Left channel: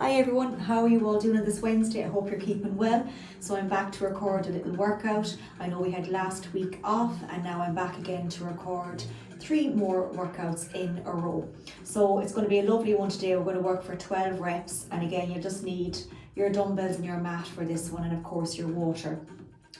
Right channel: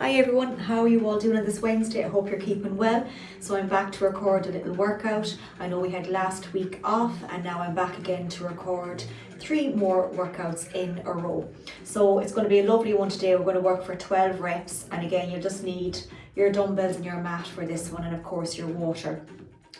Hi everyone, how are you all doing on this Wednesday? I hope you're keeping well. So I'm back to record a little workout. I know we had last week off and now I'm back again to record 3 more workouts in a row. So it's going to be a lovely one today. We're going to work for 12 reps, and again you'll just need your dumbbells and your mat for this one, and of course your water.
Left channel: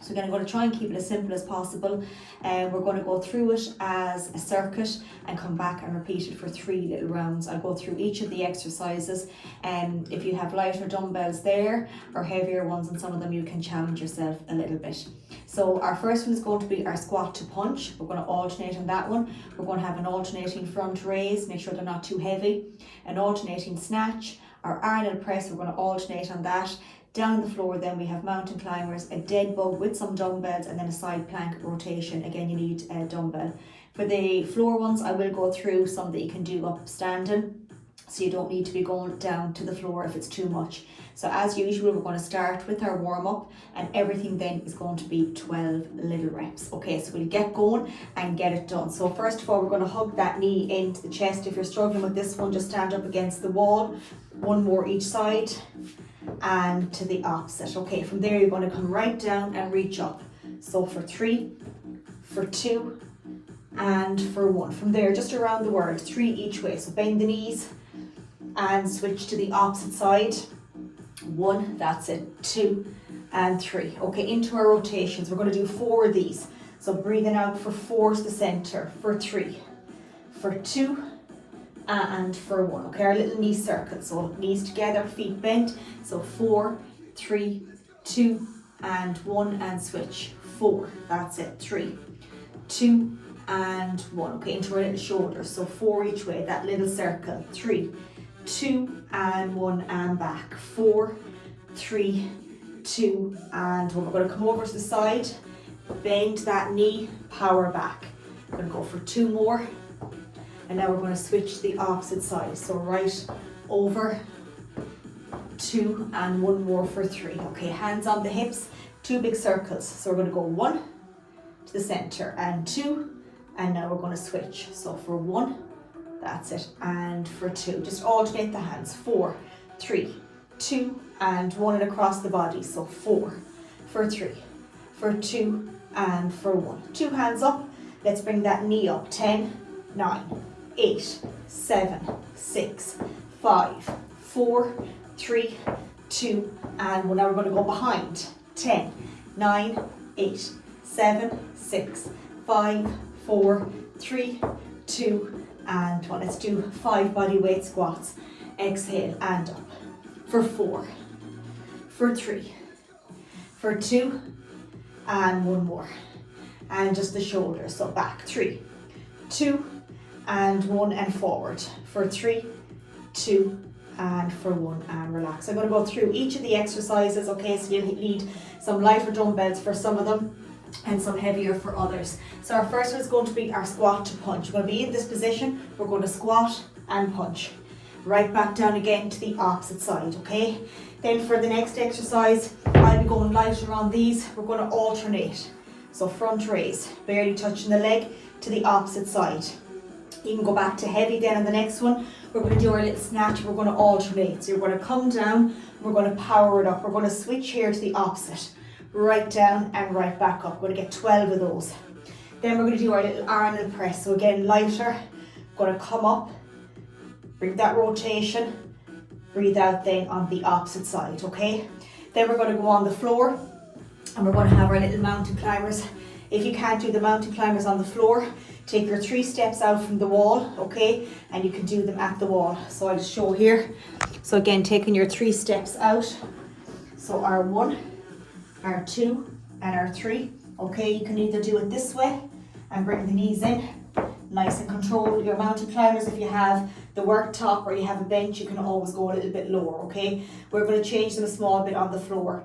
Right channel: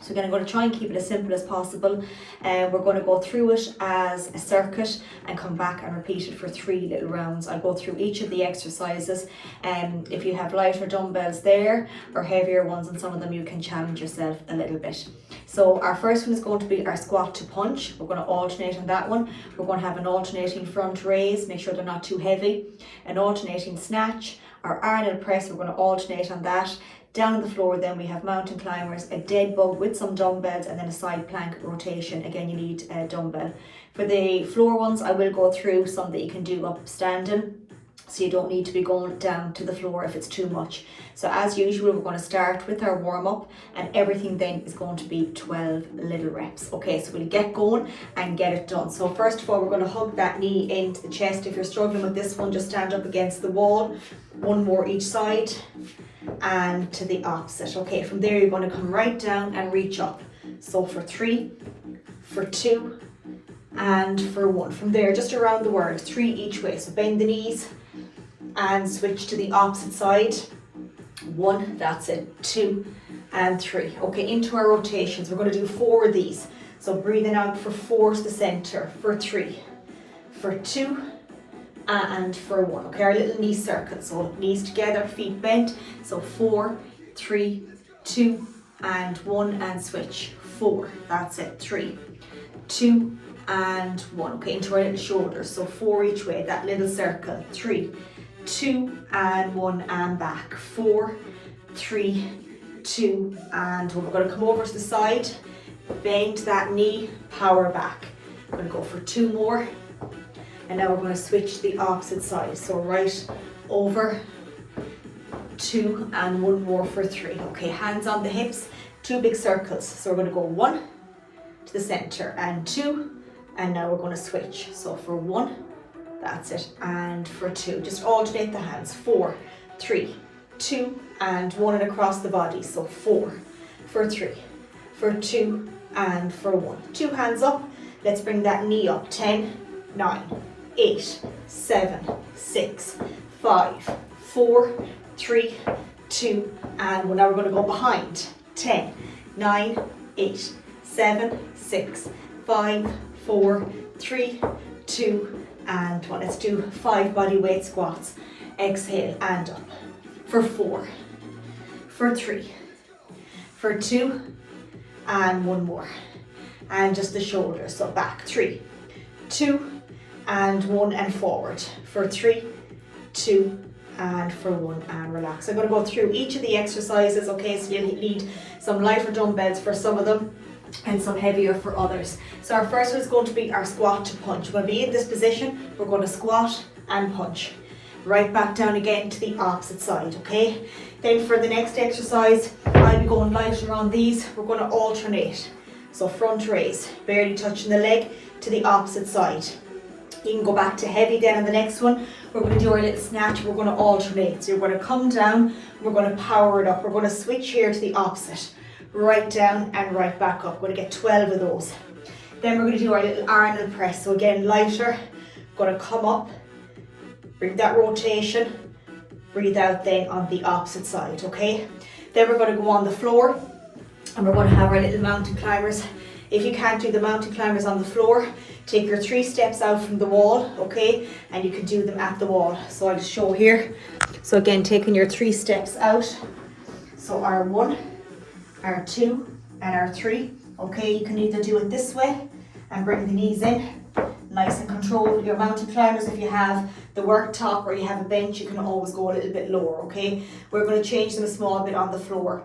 So again, I'm going to try and keep it as simple as possible, and we're going to go through it as a circuit and come back and repeat it for 3 little rounds. I'll go through each of the exercises, and if you have lighter dumbbells there or heavier ones on some of them, you can challenge yourself a little bit. So our first one is going to be our squat to punch. We're going to alternate on that one. We're going to have an alternating front raise, make sure they're not too heavy, an alternating snatch, our Arnold press, we're going to alternate on that. Down on the floor then we have mountain climbers, a dead bug with some dumbbells, and then a side plank rotation. Again, you need a dumbbell. For the floor ones, I will go through some that you can do up standing, so you don't need to be going down to the floor if it's too much. So as usual, we're going to start with our warm up, and everything then is going to be 12 little reps. Okay, so we'll get going and get it done. So first of all, we're going to hug that knee into the chest. If you're struggling with this one, just stand up against the wall. 1 more each side and to the opposite. Okay, from there you're going to come right down and reach up. So for 3, for 2, and for 1. From there, just around the world, 3 each way. So bend the knees and switch to the opposite side. 1, that's it, 2 and 3. Okay, into our rotations, we're going to do 4 of these. So breathing out for 4 to the center, for 3, for 2, and for 1. Okay, our little knee circle. So knees together, feet bent. So 4, 3, 2, and 1, and switch. 4, that's it, 3, 2, and 1. Okay, into our little shoulders. So 4 each way, that little circle. 3, 2, and 1, and back. 4, 3, 2, and 1. We're going to come over to the side, bend that knee, power back. We're going to go for 2 more. And now we're going to switch to the opposite side. So right over, 2, and 1 more for 3. Okay, hands on the hips, 2 big circles. So we're going to go 1 to the center and 2, and now we're going to switch. So for 1, that's it, and for 2. Just alternate the hands. 4, 3, 2, and 1, and across the body. So 4, for 3, for 2, and for 1. 2 hands up. Let's bring that knee up. 10, 9, 8, 7, 6, 5, 4, 3, 2, and 1. Now we're going to go behind. 10, 9, 8, 7, 6, 5, 4, 3, 2, and 1. Let's do 5 body weight squats. Exhale and up. For 4, for 3, for 2, and 1 more. And just the shoulders. So back. 3, 2, and 1, and forward. For 3, 2, and for 1, and relax. I'm going to go through each of the exercises. Okay, so you need some lighter dumbbells for some of them and some heavier for others. So our first one is going to be our squat to punch. We're going to be in this position. We're going to squat and punch. Right back down again to the opposite side. Okay, then for the next exercise, I'll be going lighter on these. We're going to alternate. So front raise, barely touching the leg, to the opposite side. You can go back to heavy then on the next one. We're going to do our little snatch. We're going to alternate. So you're going to come down. We're going to power it up. We're going to switch here to the opposite. Right down and right back up. We're going to get 12 of those. Then we're going to do our little Arnold press. So again, lighter. Going to come up. Bring that rotation. Breathe out then on the opposite side. Okay. Then we're going to go on the floor. And we're going to have our little mountain climbers. If you can't do the mountain climbers on the floor, take your 3 steps out from the wall, okay? And you can do them at the wall. So I'll just show here. So again, taking your 3 steps out. So our 1, our 2, and our 3. Okay, you can either do it this way and bring the knees in. Nice and control your mountain climbers. If you have the worktop or you have a bench, you can always go a little bit lower, okay? We're going to change them a small bit on the floor.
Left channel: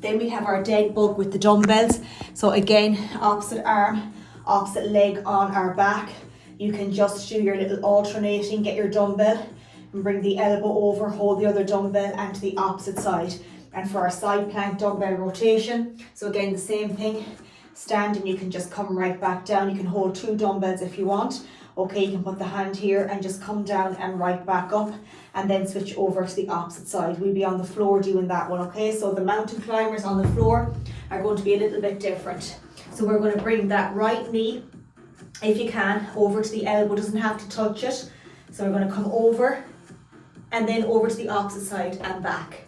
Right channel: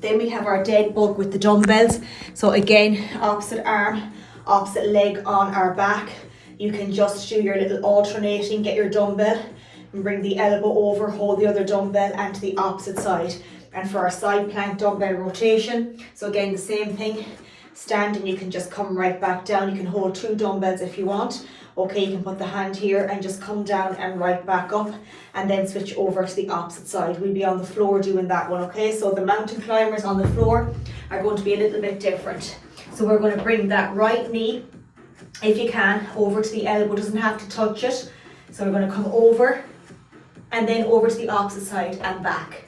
Then we have our dead bug with the dumbbells. So again, opposite arm, opposite leg on our back. You can just do your little alternating, get your dumbbell and bring the elbow over, hold the other dumbbell and to the opposite side. And for our side plank dumbbell rotation, so again the same thing, standing you can just come right back down. You can hold 2 dumbbells if you want, Okay, you can put the hand here and just come down and right back up, and then switch over to the opposite side. We'll be on the floor doing that one, okay? So the mountain climbers on the floor are going to be a little bit different. So we're going to bring that right knee, if you can, over to the elbow, doesn't have to touch it. So we're going to come over and then over to the opposite side and back.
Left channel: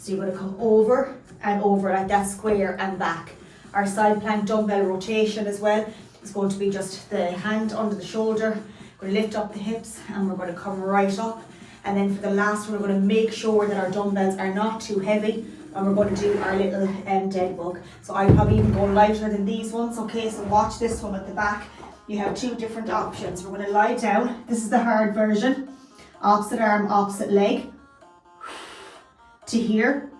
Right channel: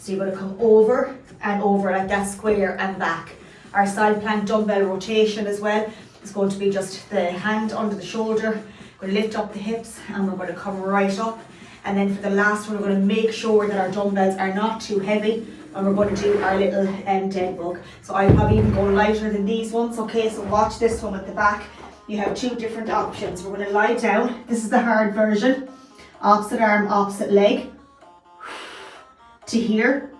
So you're going to come over and over like that, square and back. Our side plank dumbbell rotation as well is going to be just the hand under the shoulder. We're going to lift up the hips and we're going to come right up. And then for the last one, we're going to make sure that our dumbbells are not too heavy, and we're going to do our little dead bug. So I'll probably even go lighter than these ones, okay? So watch this one at the back. You have two different options. We're going to lie down. This is the hard version. Opposite arm, opposite leg. To here.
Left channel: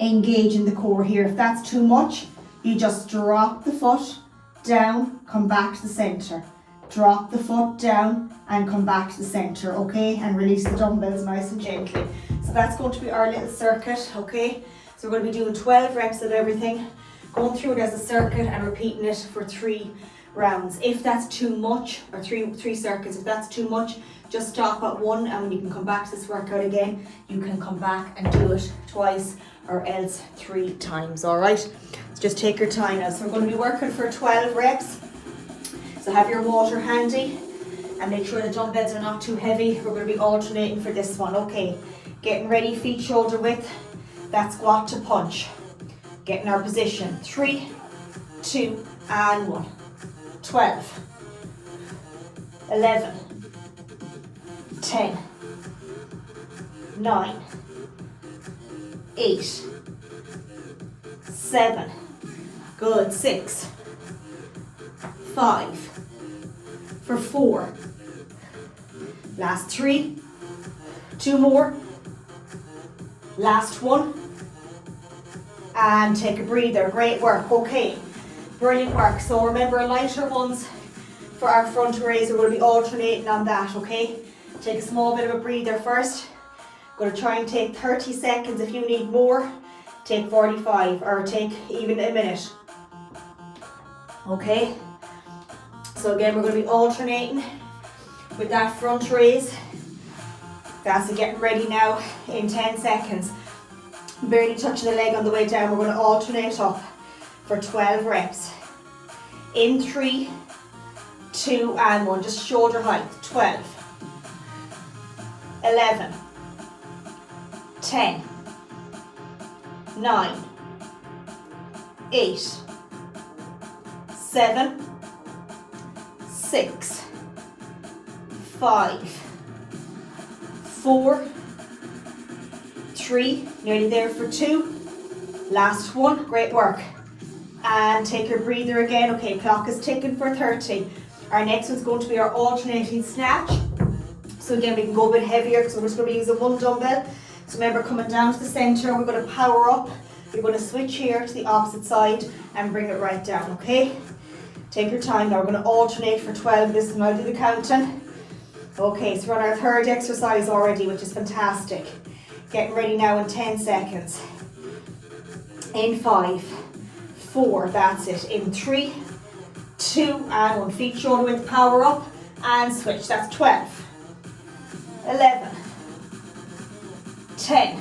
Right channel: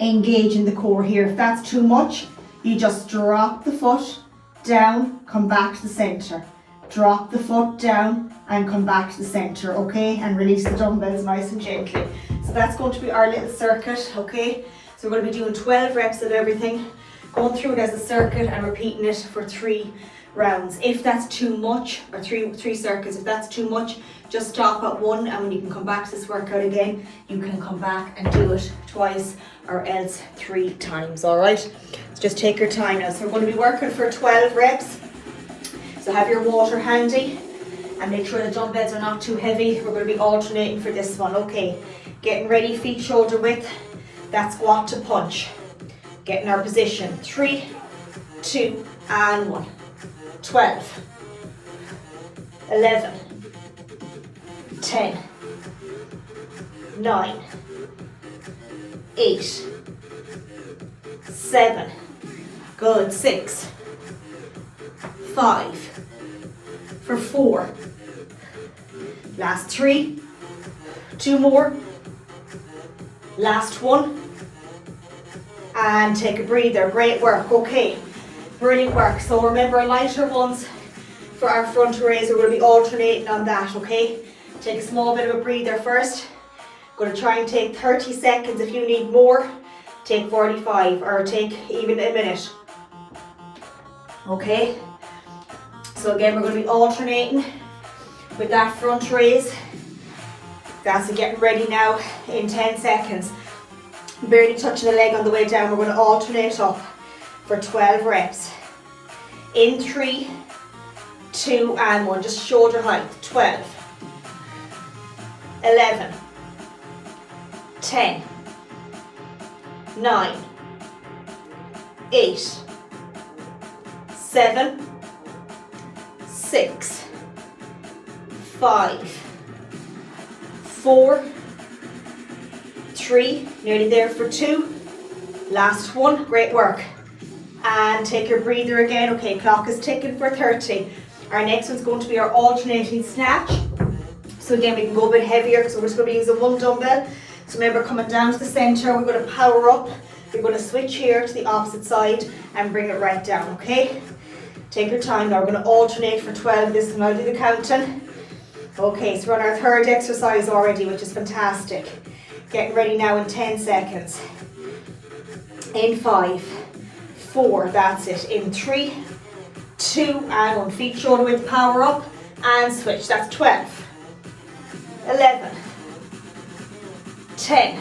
Engaging the core here. If that's too much, you just drop the foot down, come back to the center. Drop the foot down and come back to the center, okay? And release the dumbbells nice and gently. So that's going to be our little circuit, okay? So we're going to be doing 12 reps of everything, going through it as a circuit and repeating it for 3 rounds. If that's too much, or three circuits, if that's too much, just stop at 1, and when you can come back to this workout again, you can come back and do it twice or else 3 times, all right? So just take your time now. So we're going to be working for 12 reps. So have your water handy and make sure the dumbbells are not too heavy. We're going to be alternating for this one, okay? Getting ready, feet shoulder width, that squat to punch. Getting our position, 3, 2, and 1. 12, 11, 10, 9, 8, 7, good, 6, 5, for 4, last 3, 2 more, last 1, and take a breather. Great work, okay, brilliant work. So remember, lighter ones for our front raise, we're going to be alternating on that, okay? Take a small bit of a breather first. Going to try and take 30 seconds. If you need more, take 45 or take even a minute, okay? So again, we're going to be alternating with that front raise. That's getting ready now in 10 seconds. Barely touching the leg on the way down. We're going to alternate up for 12 reps. In 3, 2, and 1. Just shoulder height. 12, 11, 10, 9, 8, 7, 6, 5, 4, 3, nearly there for 2, last 1, great work. And take your breather again. Okay, clock is ticking for 30. Our next one's going to be our alternating snatch. So again, we can go a bit heavier, so we're just going to be using 1 dumbbell. So remember, coming down to the center, we're going to power up. We're going to switch here to the opposite side and bring it right down, okay? Take your time now. We're going to alternate for 12 this one. I'll do the counting. Okay, so we're on our 3rd exercise already, which is fantastic. Getting ready now in 10 seconds. In 5, 4, that's it. In 3, 2, and 1. Feet shoulder width, power up and switch. That's 12, 11, 10,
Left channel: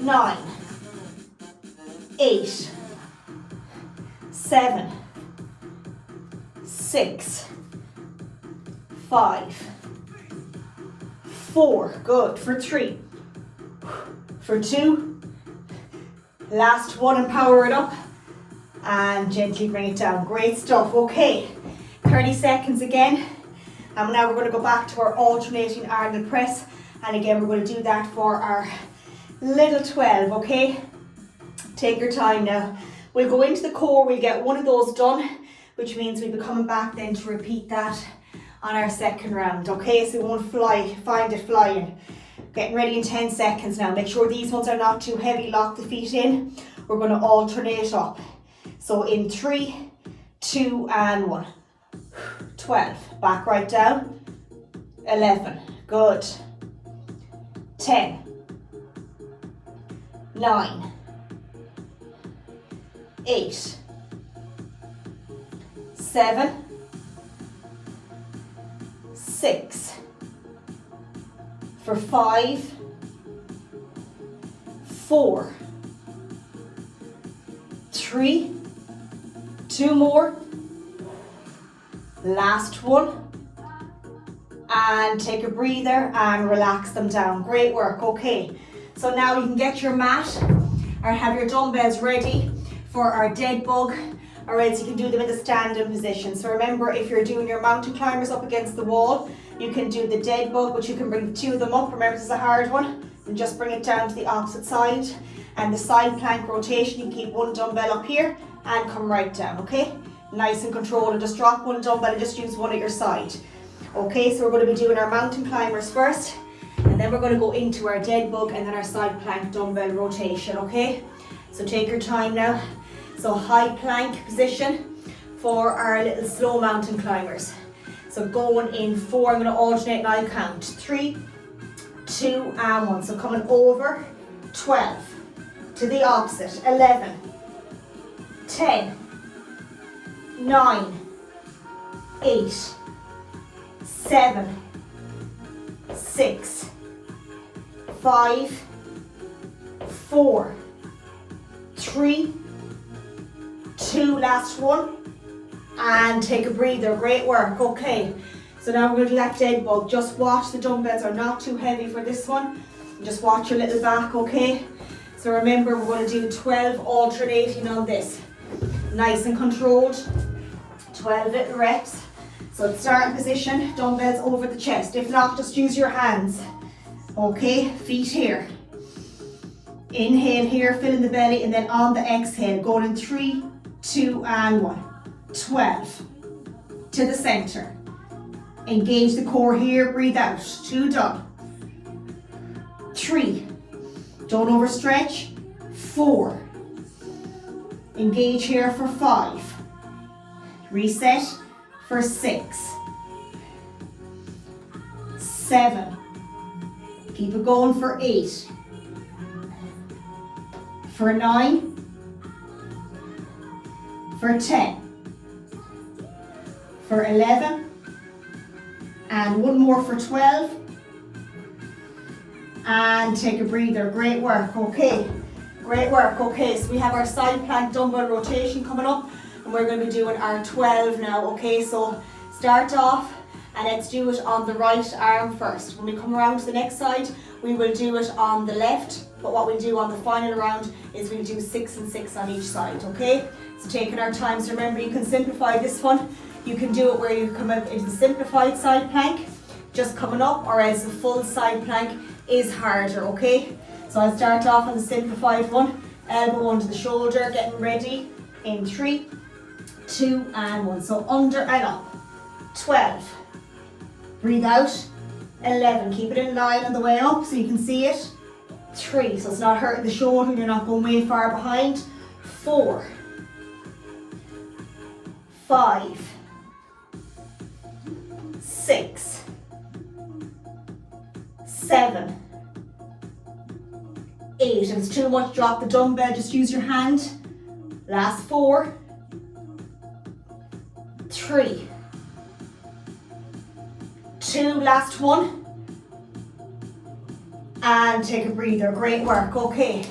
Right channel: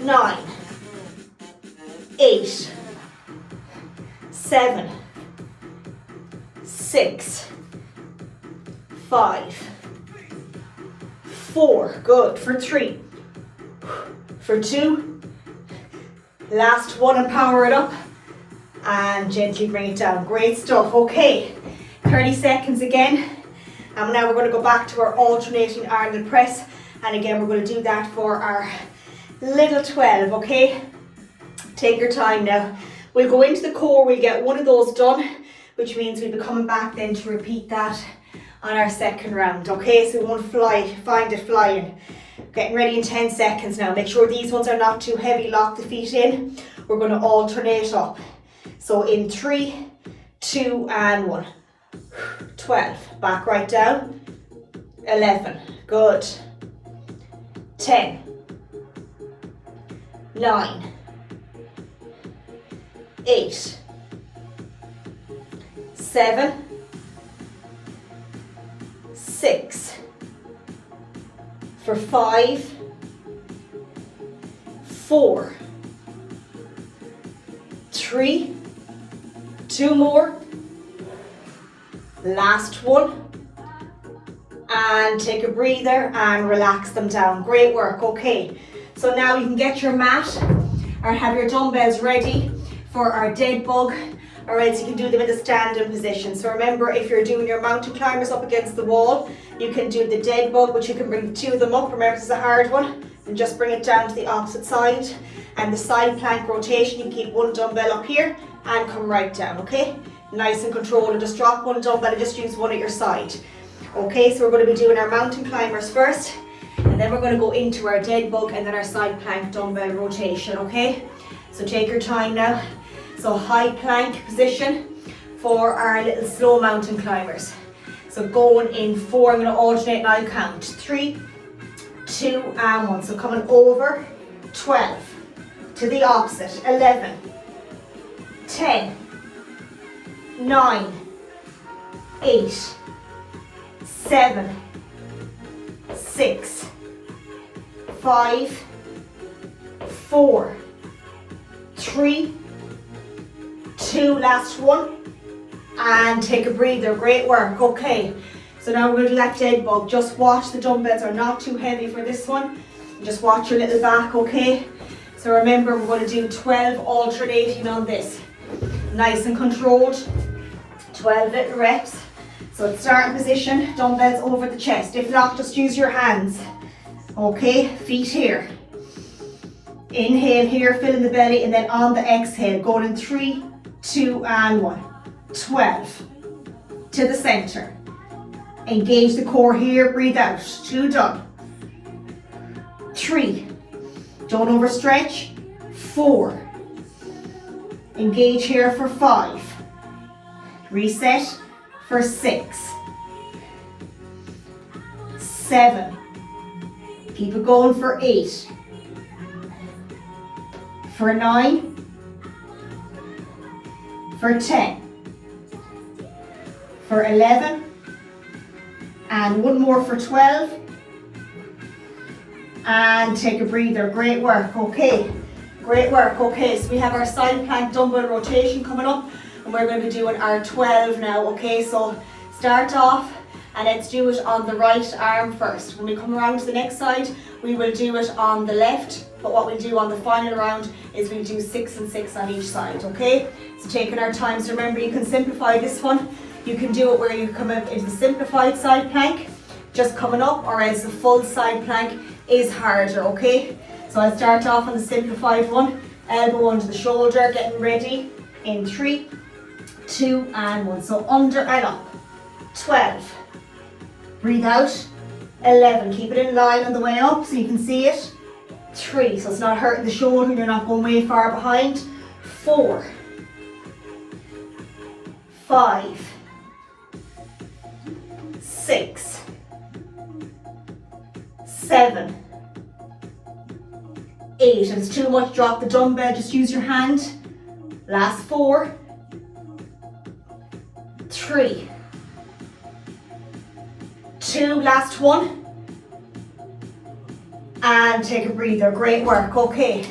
9, 8, 7, 6, 5, 4, good, for 3, for 2, last 1 and power it up and gently bring it down. Great stuff. Okay, 30 seconds again, and now we're going to go back to our alternating Ireland press, and again we're going to do that for our little 12, okay? Take your time now. We'll go into the core, we'll get 1 of those done, which means we'll be coming back then to repeat that on our 2nd round, okay? So we won't find it flying. Getting ready in 10 seconds now. Make sure these ones are not too heavy. Lock the feet in. We're going to alternate up. So in 3, 2, and 1. 12. Back right down. 11. Good. 10. 9. 8. 7. 6, for 5, 4, 3, 2 more, last one, and take a breather and relax them down. Great work. Okay, so now you can get your mat or have your dumbbells ready for our dead bug, or else you can do them in the standing position. So remember, if you're doing your mountain climbers up against the wall, you can do the dead bug, but you can bring the 2 of them up. Remember, this is a hard one, and just bring it down to the opposite side. And the side plank rotation, you keep one dumbbell up here and come right down, okay? Nice and controlled, and just drop one dumbbell and just use one at your side. Okay, so we're going to be doing our mountain climbers first, and then we're going to go into our dead bug and then our side plank dumbbell rotation, okay? So take your time now. So high plank position for our little slow mountain climbers. So going in 4, I'm going to alternate and I'll count. 3, 2, and 1. So coming over, 12. To the opposite, 11, 10, 9, 8, 7, 6, 5, 4, 3, 2, last one, and take a breather. Great work. Okay, so now we're going to do that dead bug. Just watch the dumbbells are not too heavy for this one. Just watch your little back, okay? So remember, we're going to do 12 alternating on this. Nice and controlled. 12 little reps. So starting position, dumbbells over the chest. If not, just use your hands. Okay, feet here. Inhale here, filling the belly, and then on the exhale, going in 3, 2, and 1. 12. To the center. Engage the core here, breathe out. 2 done. 3. Don't overstretch. 4. Engage here for 5. Reset for 6. 7. Keep it going for 8. For 9. For 10. For 11. And one more for 12. And take a breather. Great work. Okay, great work. Okay, so we have our side plank dumbbell rotation coming up, and we're going to be doing our 12 now. Okay, so start off and let's do it on the right arm first. When we come around to the next side, we will do it on the left, but what we'll do on the final round is we'll do 6 and 6 on each side. Okay, so taking our time. So remember, you can simplify this one. You can do it where you come up into the simplified side plank, just coming up, or else the full side plank is harder, okay? So I'll start off on the simplified one. Elbow under the shoulder, getting ready in 3, 2, and 1. So under and up. 12. Breathe out. 11. Keep it in line on the way up so you can see it. 3. So it's not hurting the shoulder, you're not going way far behind. 4. 5. 6. 7. 8. If it's too much, drop the dumbbell, just use your hand. Last 4. 3. 2, last 1. And take a breather. Great work. Okay,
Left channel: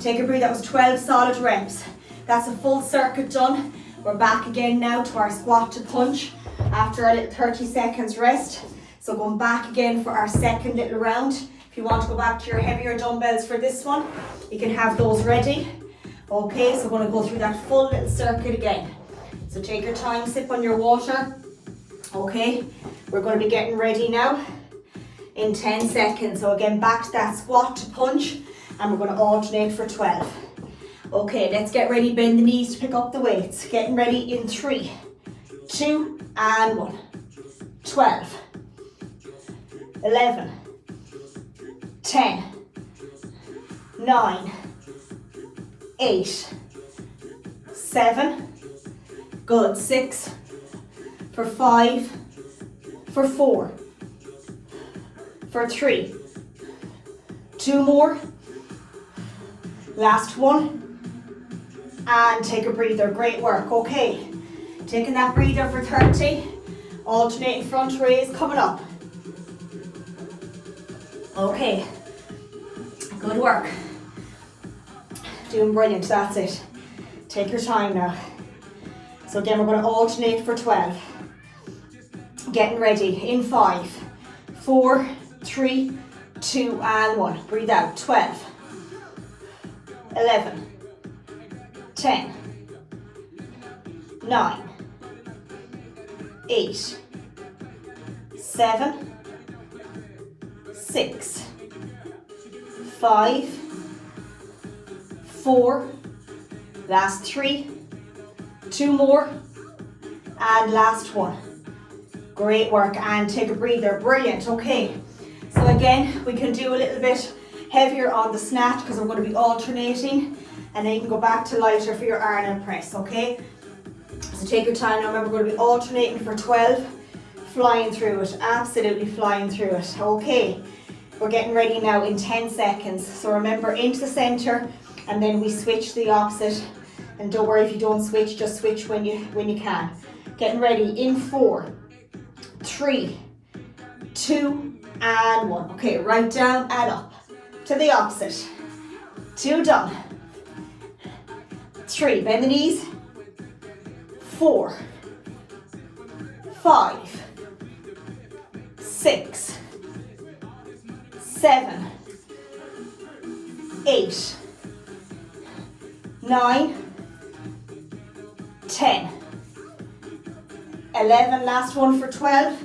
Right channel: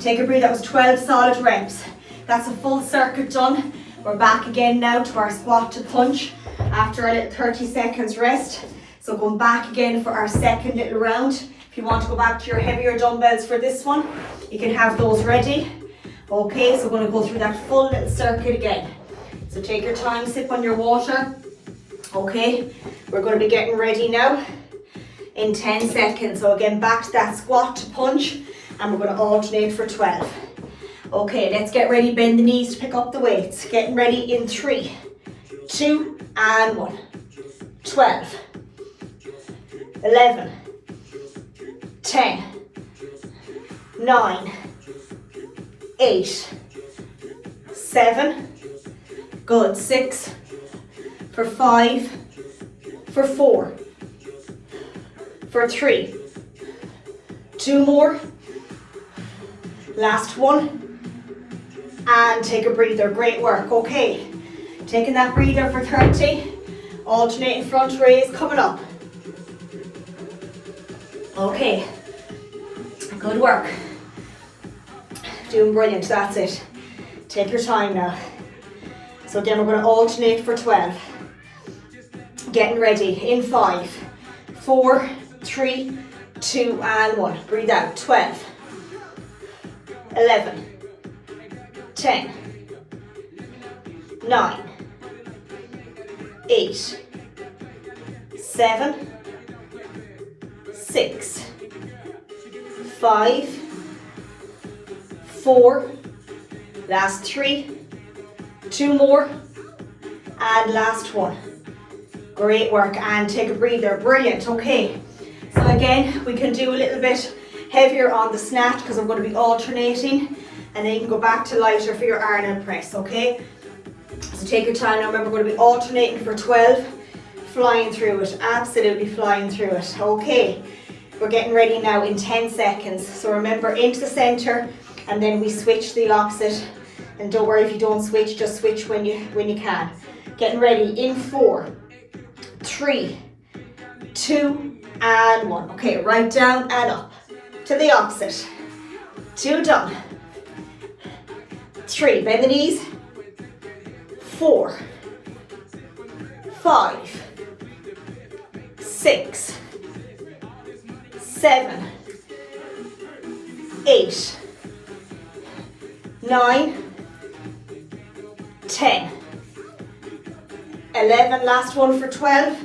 take a breather. That was 12 solid reps. That's a full circuit done. We're back again now to our squat to punch after a little 30 seconds rest. So going back again for our second little round. If you want to go back to your heavier dumbbells for this one, you can have those ready. Okay, so we're going to go through that full little circuit again. So take your time, sip on your water. Okay, we're going to be getting ready now in 10 seconds. So again, back to that squat to punch, and we're going to alternate for 12. Okay, let's get ready. Bend the knees to pick up the weights. Getting ready in 3, 2, and 1. 12. 11, 10, 9, 8, 7, good, 6, for 5, for 4, for 3, 2 more, last 1, and take a breather. Great work. Okay, taking that breather for 30, alternating front raise, coming up. Okay, good work. Doing brilliant, that's it. Take your time now. So then we're going to alternate for 12. Getting ready in 5, 4, 3, 2 and 1. Breathe out. 12, 11, 10, 9, 8, 7, 6, 5, 4, last 3, 2 more, and last 1. Great work, and take a breather. Brilliant. Okay, so again, we can do a little bit heavier on the snatch because I'm going to be alternating, and then you can go back to lighter for your Arnold press, okay? So take your time now. Remember, we're going to be alternating for 12, flying through it, absolutely flying through it. Okay, we're getting ready now in 10 seconds. So remember, into the center, and then we switch the opposite. And don't worry if you don't switch, just switch when you can. Getting ready in 4, 3, 2, and 1. Okay, right down and up to the opposite. 2 done. 3, bend the knees. 4, 5, 6, 7, 8, 9, 10, 11, last one for 12,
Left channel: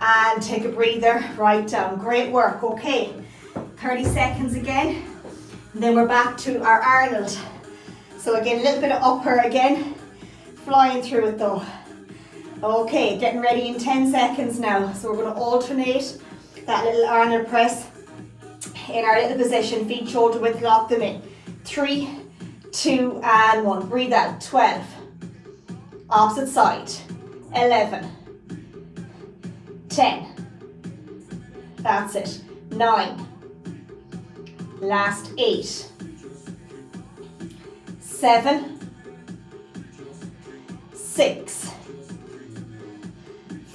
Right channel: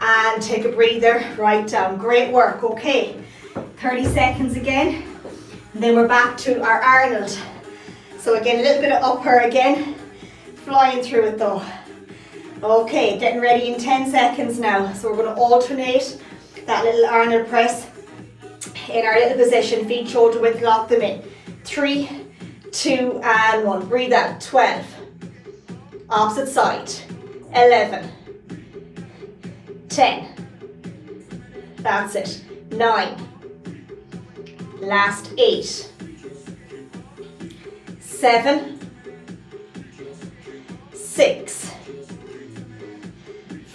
and take a breather, right down. Great work. Okay, 30 seconds again, and then we're back to our Arnold. So again, a little bit of upper again, flying through it though. Okay, getting ready in 10 seconds now. So we're going to alternate that little Arnold press in our little position, feet shoulder width, lock them in. 3, 2, and 1. Breathe out. 12. Opposite side. 11. 10. That's it. 9. Last 8. 7. 6.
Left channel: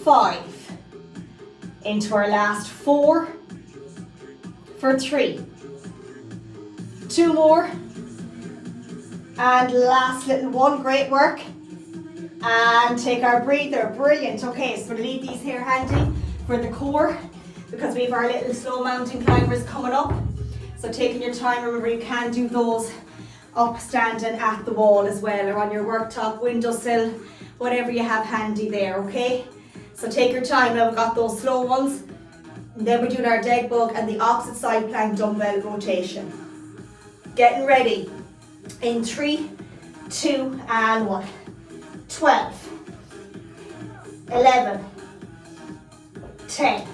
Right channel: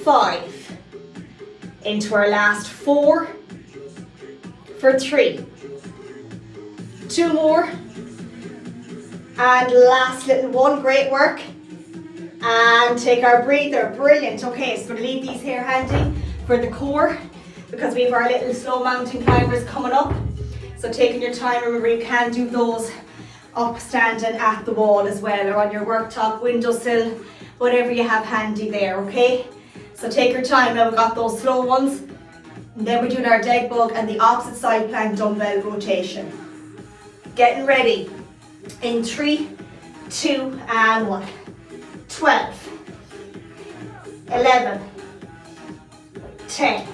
5. Into our last 4. For 3. 2 more. And last little one. Great work. And take our breather. Brilliant. Okay, so we're going to leave these here handy for the core because we have our little slow mountain climbers coming up. So taking your time, remember you can do those up standing at the wall as well, or on your worktop, windowsill, whatever you have handy there, okay? So take your time. Now we've got those slow ones. And then we're doing our dead bug and the opposite side plank dumbbell rotation. Getting ready in 3, 2, and 1. 12, 11, 10,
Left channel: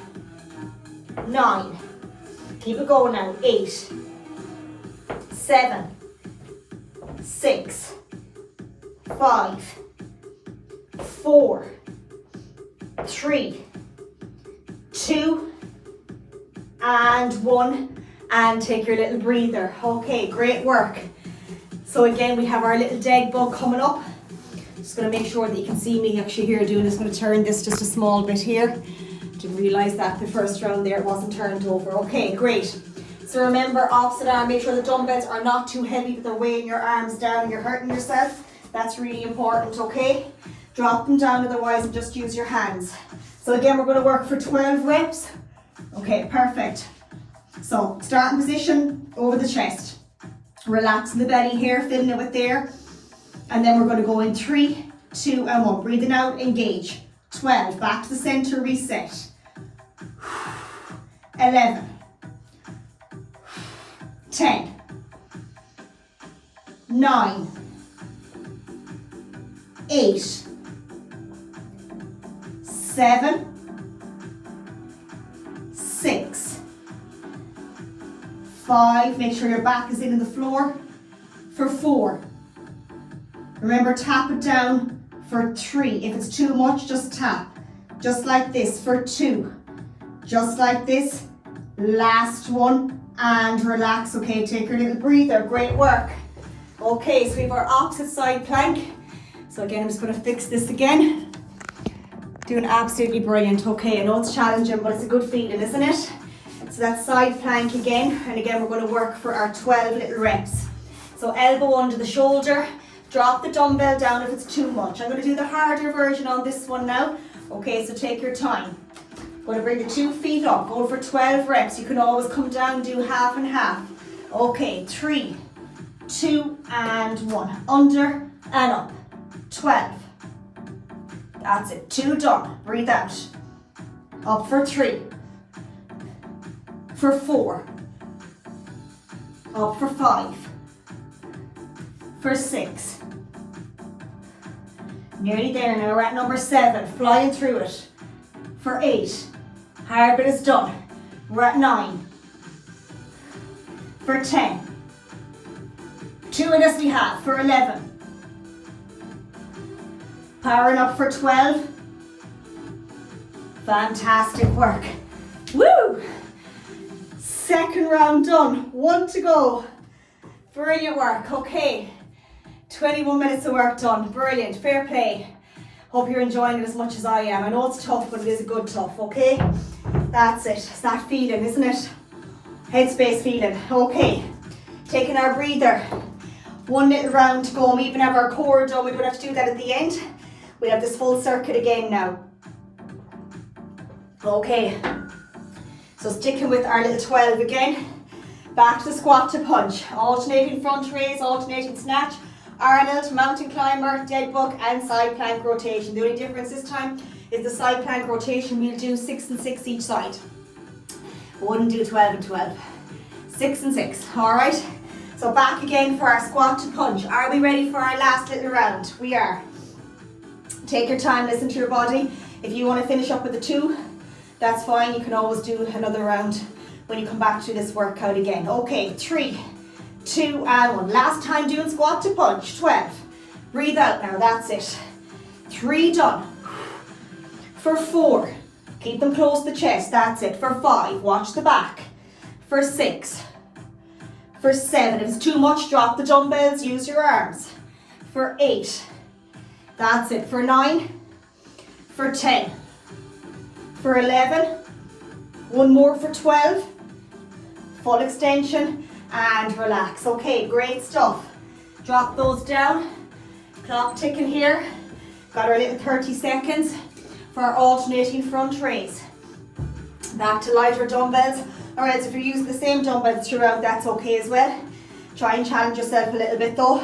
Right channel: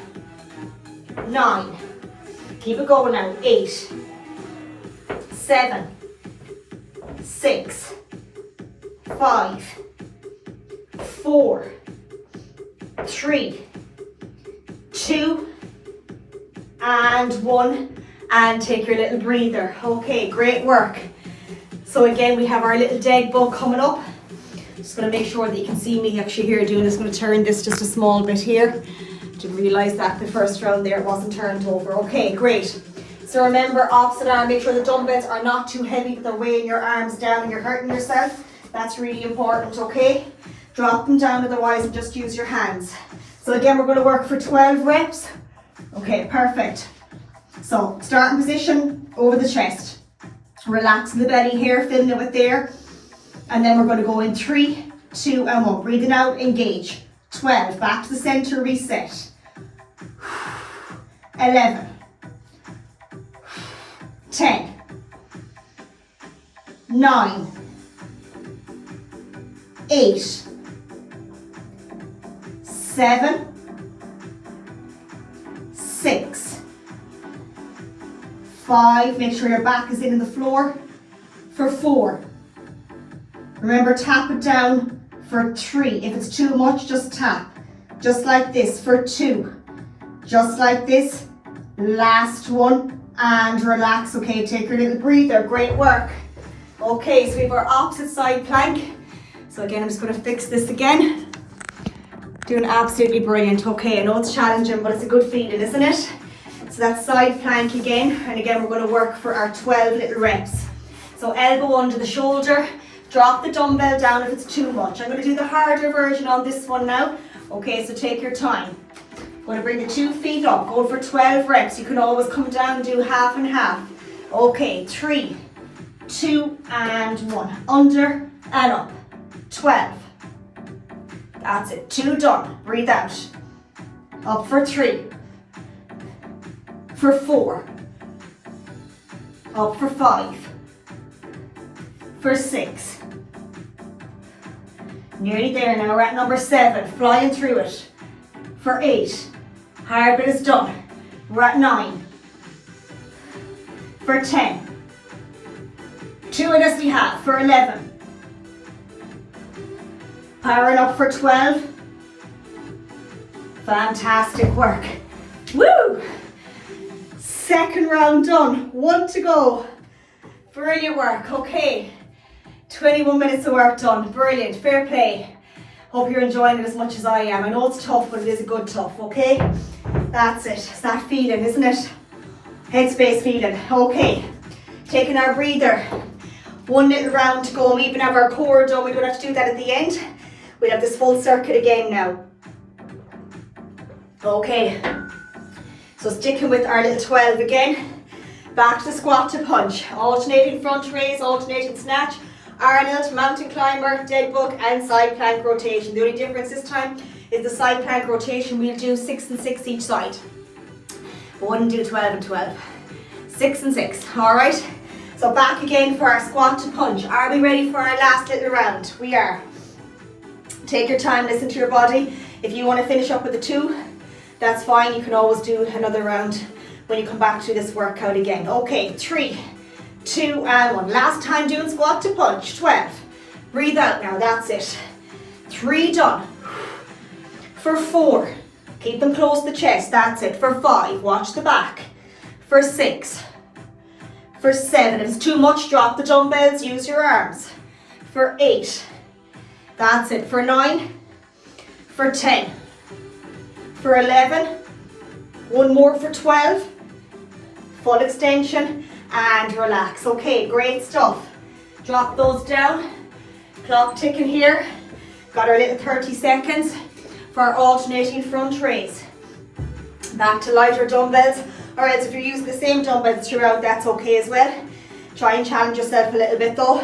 9, keep it going now, 8, 7, 6, 5, 4, 3, 2, and 1, and take your little breather. Okay, great work. So again, we have our little dead bug coming up. Just going to make sure that you can see me actually here doing this. I'm going to turn this just a small bit here. Didn't realise that the first round there it wasn't turned over. Okay, great. So remember, opposite arm, make sure the dumbbells are not too heavy that they're weighing your arms down and you're hurting yourself. That's really important, okay? Drop them down otherwise and just use your hands. So again, we're going to work for 12 reps. Okay, perfect. So starting position over the chest. Relaxing the belly here, filling it with air. And then we're going to go in 3, 2, and 1. Breathing out, engage. 12, back to the center, reset. 11, 10, 9, 8, 7, 6, 5. Make sure your back is in the floor. For 4. Remember, tap it down for 3. If it's too much, just tap. Just like this for 2. Just like this. Last one. And relax. Okay, take your little breather. Great work. Okay, so we have our opposite side plank. So again, I'm just going to fix this again. Doing absolutely brilliant. Okay, I know it's challenging, but it's a good feeling, isn't it? So So that's side plank again, and again we're going to work for our 12 little reps. So elbow under the shoulder, drop the dumbbell down if it's too much. I'm going to do the harder version on this one now. Okay, so take your time. I'm going to bring the 2 feet up, go for 12 reps. You can always come down and do half and half. Okay, 3, 2 and 1. Under and up. 12. That's it. 2 done. Breathe out. Up for 3. For 4. Up for 5. For 6. Nearly there now. We're at number 7. Flying through it. For 8. Hard bit is done. We're at 9. For 10. 2 in us we have. For 11. Powering up for 12. Fantastic work. Woo! Second round done. 1 to go. Brilliant work. Okay. 21 minutes of work done. Brilliant. Fair play. Hope you're enjoying it as much as I am. I know it's tough, but it is a good tough, okay? That's it. It's that feeling, isn't it? Headspace feeling. Okay. Taking our breather. 1 little round to go. We even have our core done. We don't have to do that at the end. We'll have this full circuit again now. Okay. So sticking with our little 12 again. Back to squat to punch. Alternating front raise, alternating snatch. Arnold, mountain climber, dead bug and side plank rotation. The only difference this time is the side plank rotation. We'll do 6 and 6 each side. We wouldn't do 12 and 12. 6 and 6, all right? So back again for our squat to punch. Are we ready for our last little round? We are. Take your time, listen to your body. If you want to finish up with a 2, that's fine. You can always do another round when you come back to this workout again. Okay, 3, 2 and 1. Last time doing squat to punch. 12. Breathe out now, that's it. 3 done. For 4, keep them close to the chest, that's it. For 5, watch the back. For 6. For 7, if it's too much, drop the dumbbells, use your arms. For 8, that's it. For 9, for 10, for 11, 1 more for 12, full extension and relax. Okay, great stuff. Drop those down. Clock ticking here. Got our little 30 seconds for our alternating front raise. Back to lighter dumbbells. Alright, so if you're using the same dumbbells throughout, that's okay as well. Try and challenge yourself a little bit though.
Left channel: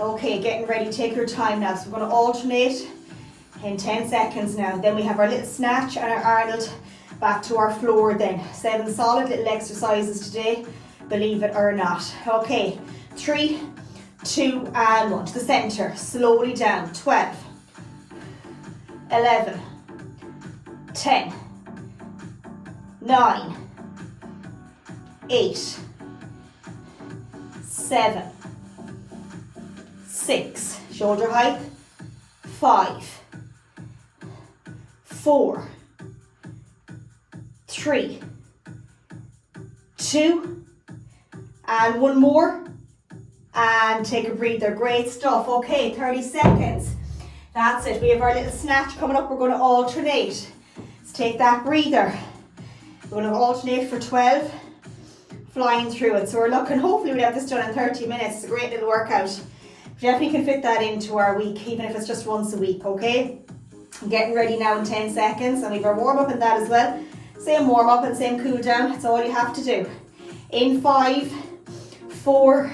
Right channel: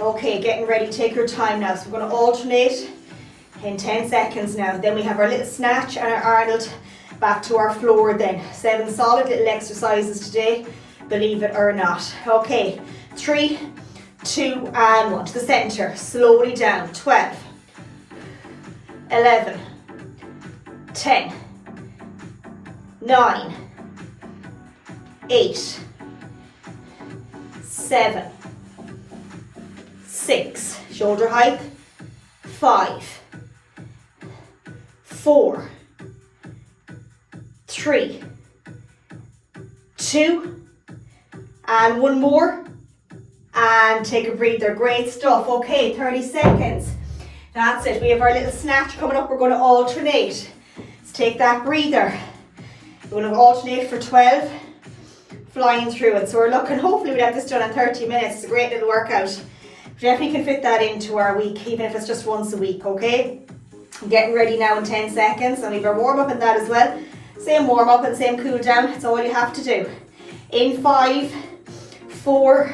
Okay, getting ready, take your time now. So we're going to alternate in 10 seconds now. Then we have our little snatch and our Arnold back to our floor then. 7 solid little exercises today, believe it or not. Okay, 3, 2 and 1 to the center. Slowly down. 12, 11, 10, 9, 8, 7, 6, shoulder height, 5, 4, 3, 2, and 1 more, and take a breather. Great stuff. Okay, 30 seconds. That's it. We have our little snatch coming up. We're going to alternate. Let's take that breather. We're going to alternate for 12, flying through it. So we're looking, hopefully we'll have this done in 30 minutes. It's a great little workout. We definitely can fit that into our week, even if it's just once a week, okay? I'm getting ready now in 10 seconds, and we've our warm up in that as well. Same warm up and same cool down. That's all you have to do. In 5, 4,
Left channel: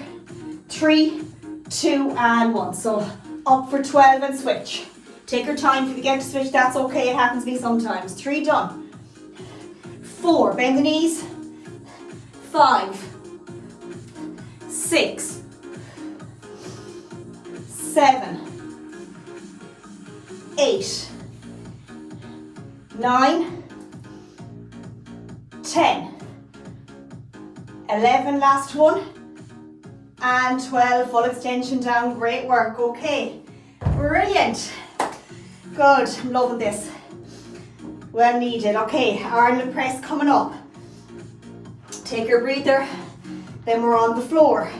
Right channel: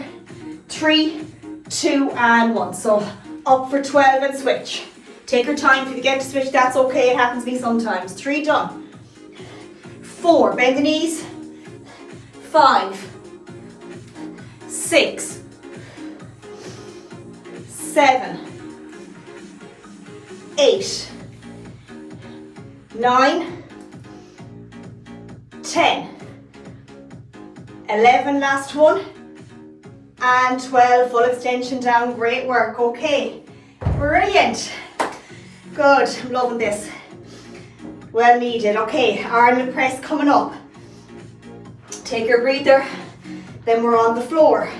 3, 2 and 1. So up for 12 and switch. Take your time. If you forget to switch, that's okay. It happens to me sometimes. 3 done. 4, bend the knees. 5, 6, 7, 8, 9, 10, 11, last one, and 12, full extension down. Great work. Okay, brilliant. Good, I'm loving this. Well needed. Okay, Arnold press coming up. Take your breather, then we're on the floor.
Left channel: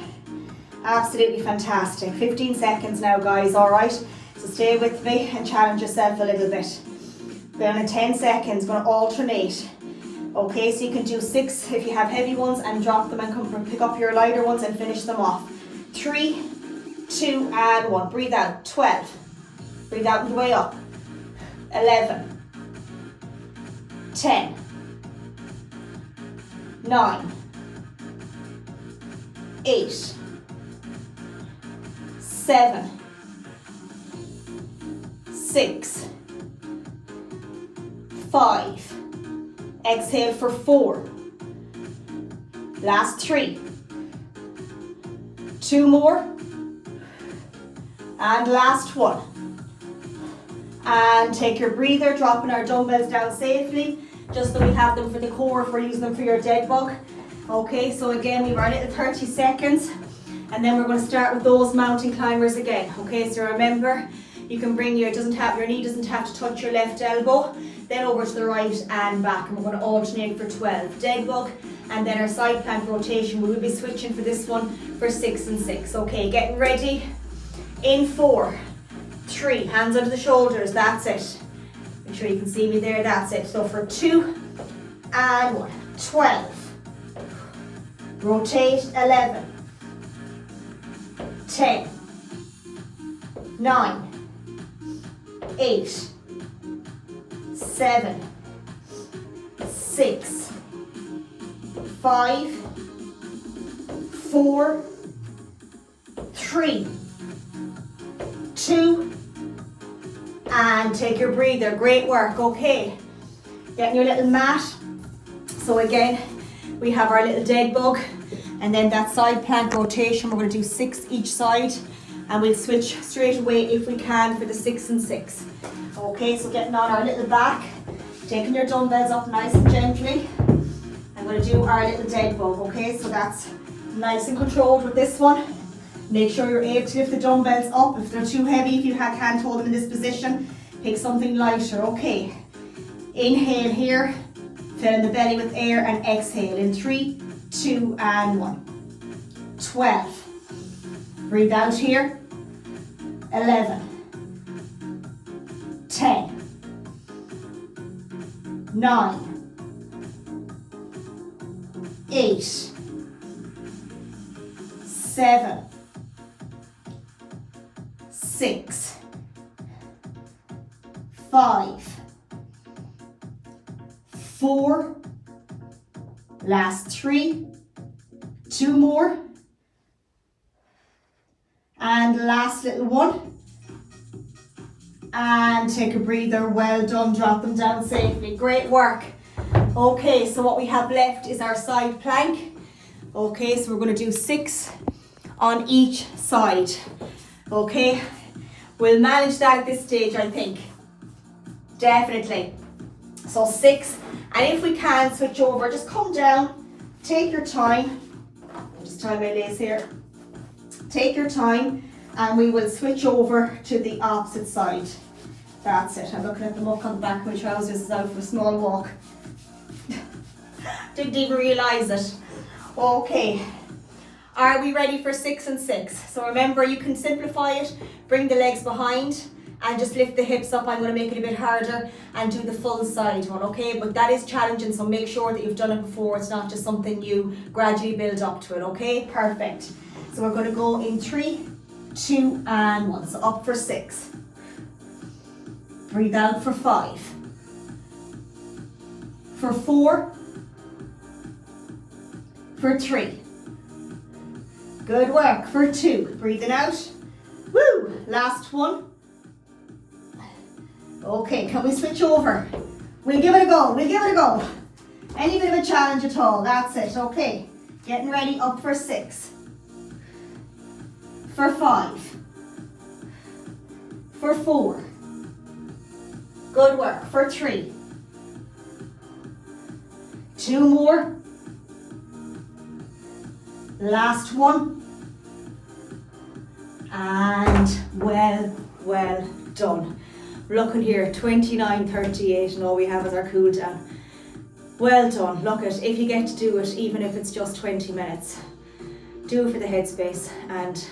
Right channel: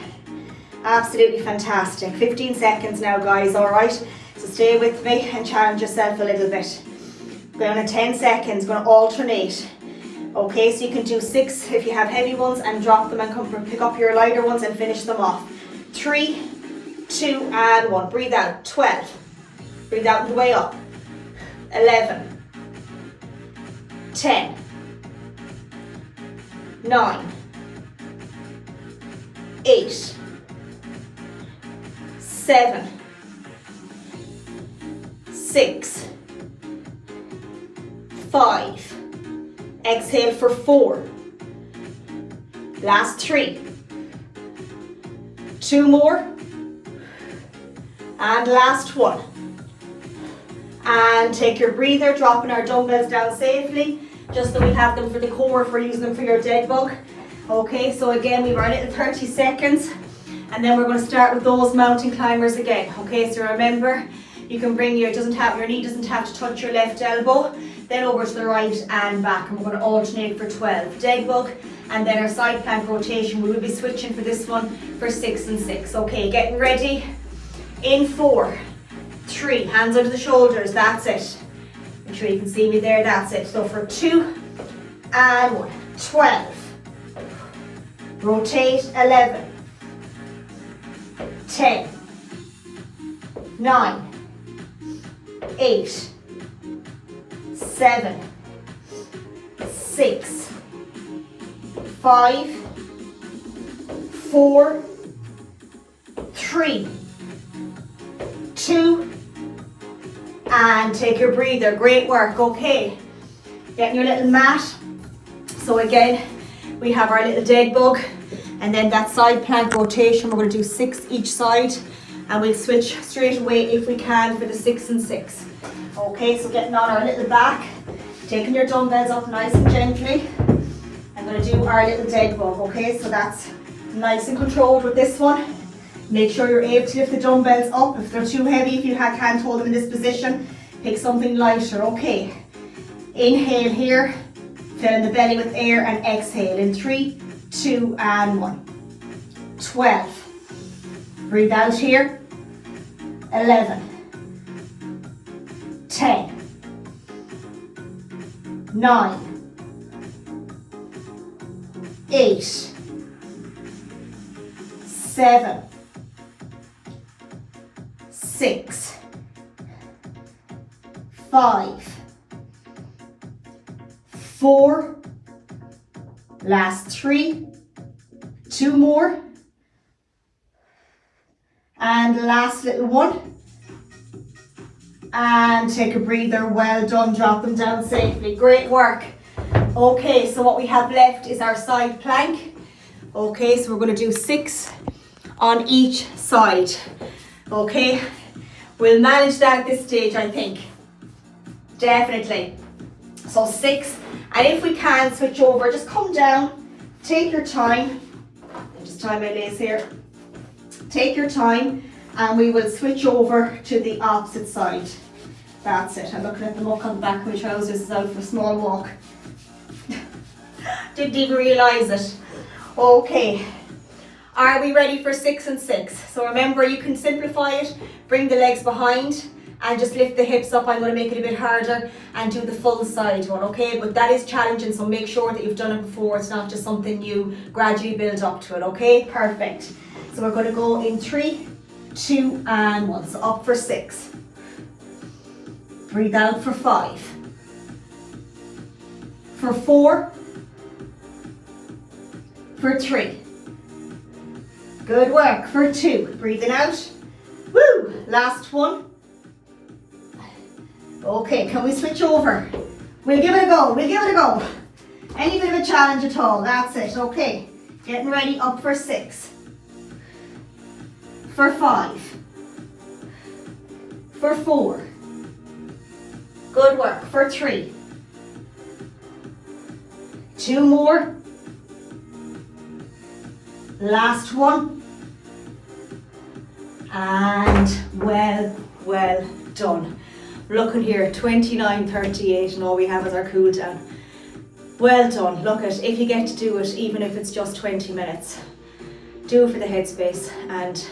Absolutely fantastic. 15 seconds now, guys, all right? So stay with me and challenge yourself a little bit. Down in 10 seconds, going to alternate. Okay, so you can do 6 if you have heavy ones and drop them and come pick up your lighter ones and finish them off. 3, 2, and 1. Breathe out. 12. Breathe out on the way up. 11. 10. 9. 8. 7. 6. 5. Exhale for 4. Last 3. 2 more. And last 1. And take your breather, dropping our dumbbells down safely, just so we have them for the core if we're using them for your dead bug. Okay, so again, we've our little 30 seconds, and then we're going to start with those mountain climbers again. Okay, so remember, you can bring your knee doesn't have to touch your left elbow, then over to the right and back, and we're going to alternate for 12. Dead bug, and then our side plank rotation. We will be switching for this one for 6 and 6. Okay, getting ready. In 4, 3, hands under the shoulders, that's it. Make sure you can see me there, that's it. So for 2 and 1, 12. Rotate, 11. 10. 9. 8. 7. 6. 5. 4. 3. 2, and take your breather. Great work. Okay, getting your little mat. So again, we have our little dead bug, and then that side plank rotation. We're going to do 6 each side, and we'll switch straight away if we can for the 6 and 6. Okay, so getting on our little back, taking your dumbbells up nice and gently. I'm going to do our little dead bug. Okay, so that's nice and controlled with this one. Make sure you're able to lift the dumbbells up. If they're too heavy, if you can't hold them in this position, pick something lighter. Okay, inhale here, fill in the belly with air, and exhale in 3, 2, and 1. 12. Breathe out here. 11. 10. 9. 8. 7. 6. 5. 4. Last 3. 2 more. And last little one. And take a breather. Well done. Drop them down safely. Great work. Okay, so what we have left is our side plank. Okay, so we're going to do 6 on each side. Okay, we'll manage that at this stage, I think. Definitely. So 6, and if we can switch over, just come down, take your time. I'll just tie my lace here. Take your time, and we will switch over to the opposite side. That's it. I'm looking at the muck on the back of my trousers. Is out for a small walk. Didn't even realise it. Okay. Are we ready for 6 and 6? So remember, you can simplify it, bring the legs behind, and just lift the hips up. I'm going to make it a bit harder and do the full side one, okay? But that is challenging, so make sure that you've done it before. It's not just something you gradually build up to it, okay? Perfect. So we're going to go in 3, 2, and 1. So up for 6. Breathe out for 5. For 4. For 3. Good work. For 2. Breathing out. Woo! Last one. Okay, can we switch over? We'll give it a go. We'll give it a go. Any bit of a challenge at all. That's it. Okay. Getting ready. Up for 6. For 5. For 4. Good work. For 3. 2 more. Last one. And well done. Looking here, 29:38, and all we have is our cool down. Well done. Look at, if you get to do it, even if it's just 20 minutes, do it for the headspace. And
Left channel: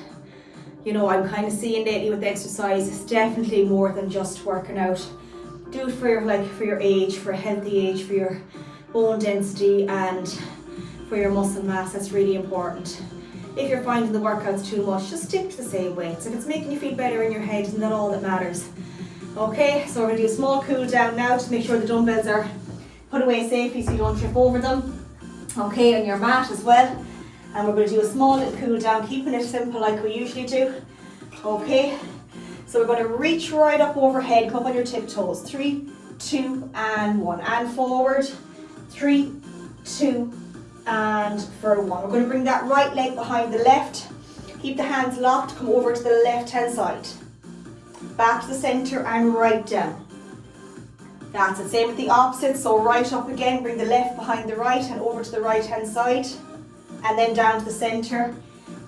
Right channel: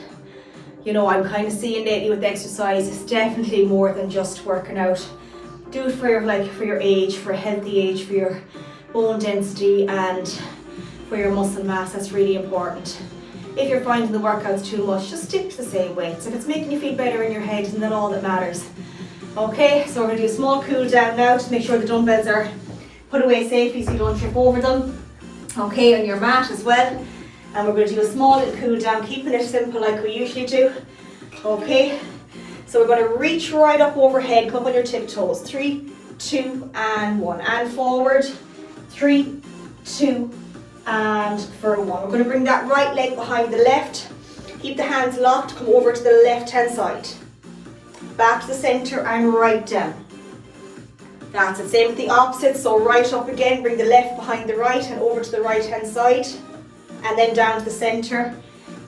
you know, I'm kind of seeing lately with exercise, it's definitely more than just working out. Do it for your age, for a healthy age, for your bone density and for your muscle mass. That's really important. If you're finding the workouts too much, just stick to the same weights. If it's making you feel better in your head, isn't that all that matters? Okay, so we're going to do a small cool down now. Just make sure the dumbbells are put away safely so you don't trip over them. Okay, on your mat as well. And we're going to do a small little cool down, keeping it simple like we usually do. Okay, so we're going to reach right up overhead, come up on your tiptoes. 3, 2, and 1. And forward. 3, 2, and for 1. We're going to bring that right leg behind the left. Keep the hands locked, come over to the left hand side. Back to the center and right down. That's it, same with the opposite, so right up again, bring the left behind the right and over to the right hand side. And then down to the center.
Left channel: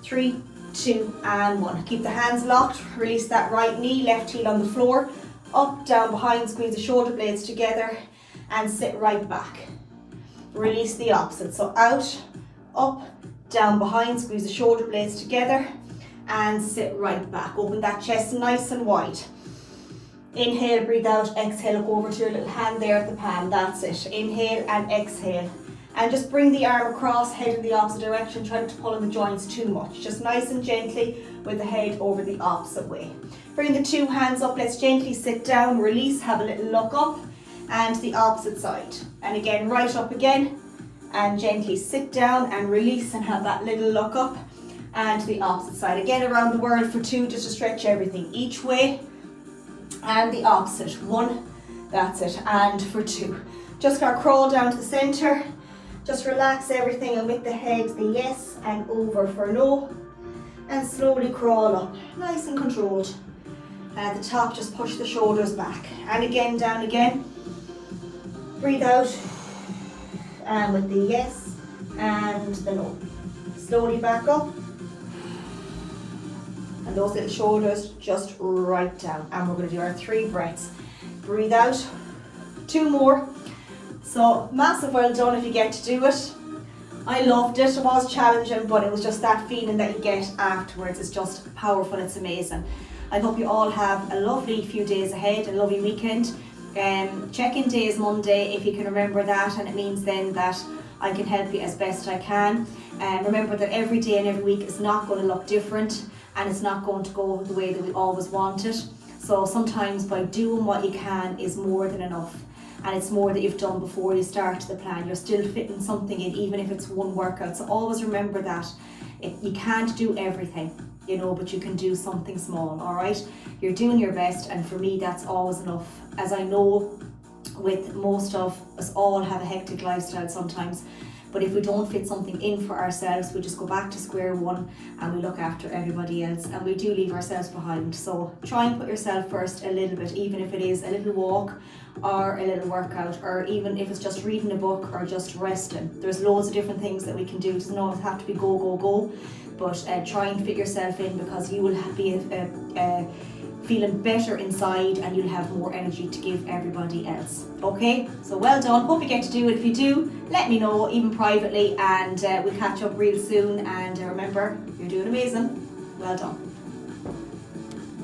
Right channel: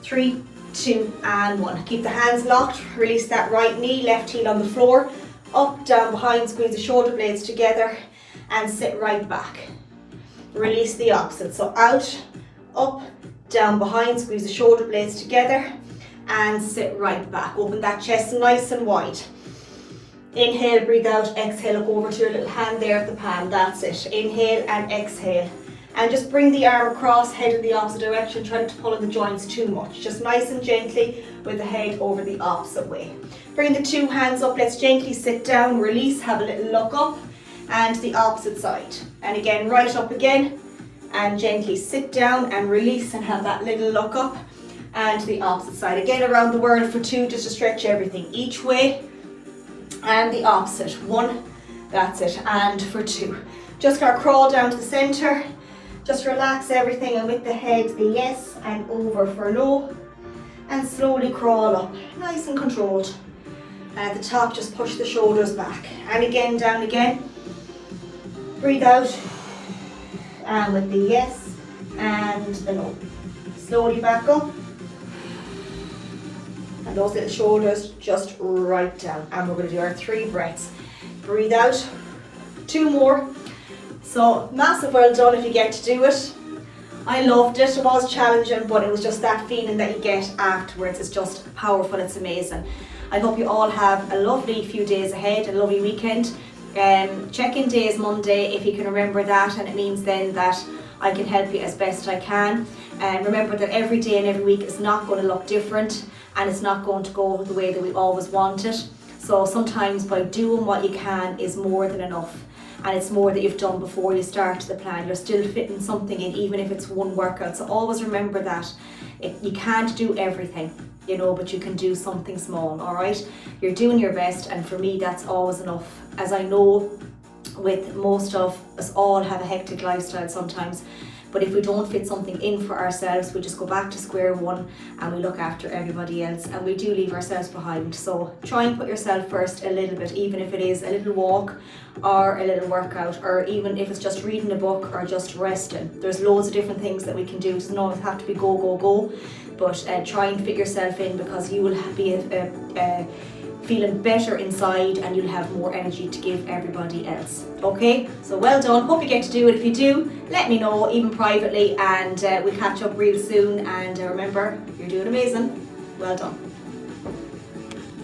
3, 2, and 1. Keep the hands locked, release that right knee, left heel on the floor. Up, down, behind, squeeze the shoulder blades together and sit right back. Release the opposite, so out, up, down, behind, squeeze the shoulder blades together and sit right back. Open that chest nice and wide. Inhale, breathe out, exhale, look over to your little hand there at the palm, that's it. Inhale and exhale. And just bring the arm across, head in the opposite direction, try not to pull in the joints too much. Just nice and gently with the head over the opposite way. Bring the 2 hands up, let's gently sit down, release, have a little look up. And the opposite side. And again, right up again. And gently sit down and release and have that little look up. And the opposite side. Again, around the world for 2, just to stretch everything each way. And the opposite. 1, that's it. And for 2. Just gonna crawl down to the center. Just relax everything, and with the head, the yes and over for no. And slowly crawl up, nice and controlled. And at the top, just push the shoulders back. And again, down again. Breathe out, and with the yes and the no. Slowly back up, and those little shoulders just right down. And we're going to do our 3 breaths. Breathe out, 2 more. So massive well done if you get to do it. I loved it. It was challenging, but it was just that feeling that you get afterwards. It's just powerful. It's amazing. I hope you all have a lovely few days ahead, a lovely weekend. Check-in day is Monday, if you can remember that, and it means then that I can help you as best I can. Remember that every day and every week is not going to look different, and it's not going to go the way that we always want it. So sometimes by doing what you can is more than enough, and it's more that you've done before you start the plan. You're still fitting something in, even if it's one workout. So always remember that you can't do everything, you know, but you can do something small. All right, you're doing your best, and for me that's always enough. As I know, with most of us all have a hectic lifestyle sometimes, but if we don't fit something in for ourselves, we just go back to square one and we look after everybody else, and we do leave ourselves behind. So try and put yourself first a little bit, even if it is a little walk or a little workout, or even if it's just reading a book or just resting. There's loads of different things that we can do. It doesn't always have to be go, go, go, but try and fit yourself in, because you will be feeling better inside, and you'll have more energy to give everybody else. Okay, so well done. Hope you get to do it. If you do, let me know, even privately, and we'll catch up real soon. And remember, you're doing amazing. Well done.